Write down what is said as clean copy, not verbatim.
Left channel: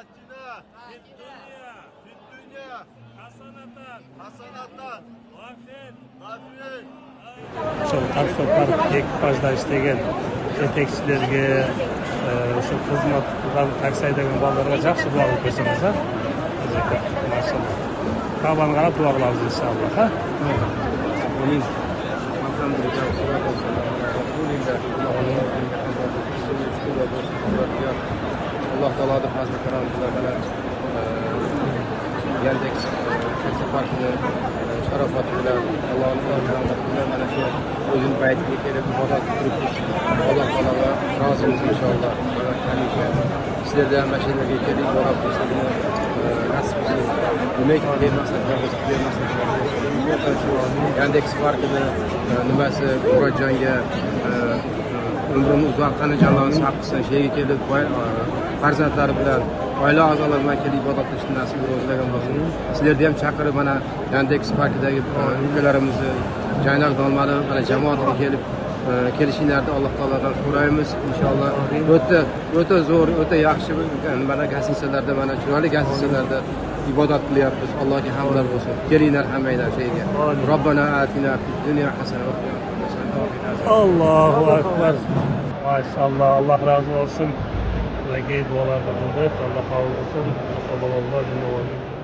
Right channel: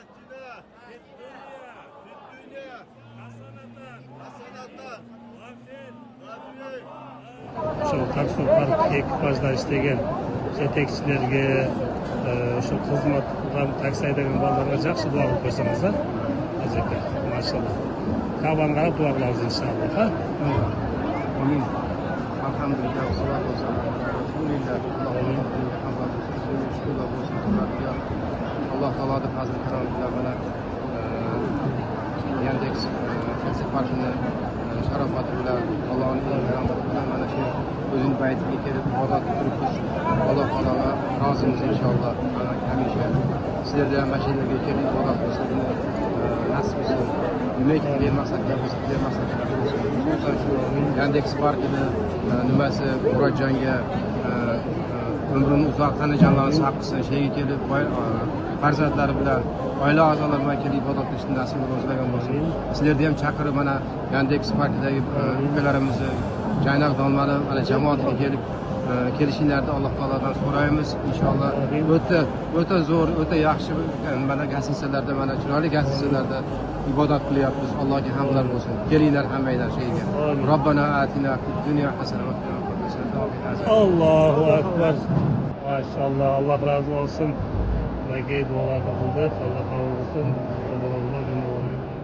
آتنا في الدنيا في الدنيا حسنة حسنة وفي وفي Ошол таксопарк экипажда иштеген жетекчилерге, ошо кызмат кылган такси айдаган балдарга жакшы дуа кылып койсоңуз, а? Машалла. Кабан карап дуа кылабыз иншаллах, а? آمين. الحمد لله والصلاة والسلام على رسول الله. Allah Teala'da fazla karanlıklar bana Yandex Taksa Parkı'nı şarafatı bilen Allah'ın karanlıklarında bana şu özün bayetliği gelip modal tutmuş. Allah Teala'la razıyız inşallah. Allah hemşe sizlerden meşelerine gelip modal tutuşlarını nasip etsin. Demek ki vermezsek bu olsa şu Yandex Parkı'nı nimasi Murodjonga ömrünü uzoqqani jalolini haqqisi şeyga kelib farzandlari bilan oila a'zolari bilan kelib ibodat qilishni nasib ro'zlagan bo'lsin. Sizlarni ham chaqirib mana Yandex Parkidagi ukalarimizni Jaynak Dolmani mana jamoatiga kelib kelishinglarni Alloh taolodan so'raymiz. Inshaalloh o'ta zo'r, o'ta yaxshi mana gazetalarda mana chiroyli gazetalarda ibodat qilyapmiz. Allohga hamdlar bo'lsin. Kelinglar hammanglar şeyga. Robbana atina fid dunya hasana va fil oxirati hasana. Allahu Akbar. Maşallah, Allah razı olsun. Ve geyb olarak Allah razı olsun. Sallallahu aleyhi ve sellem.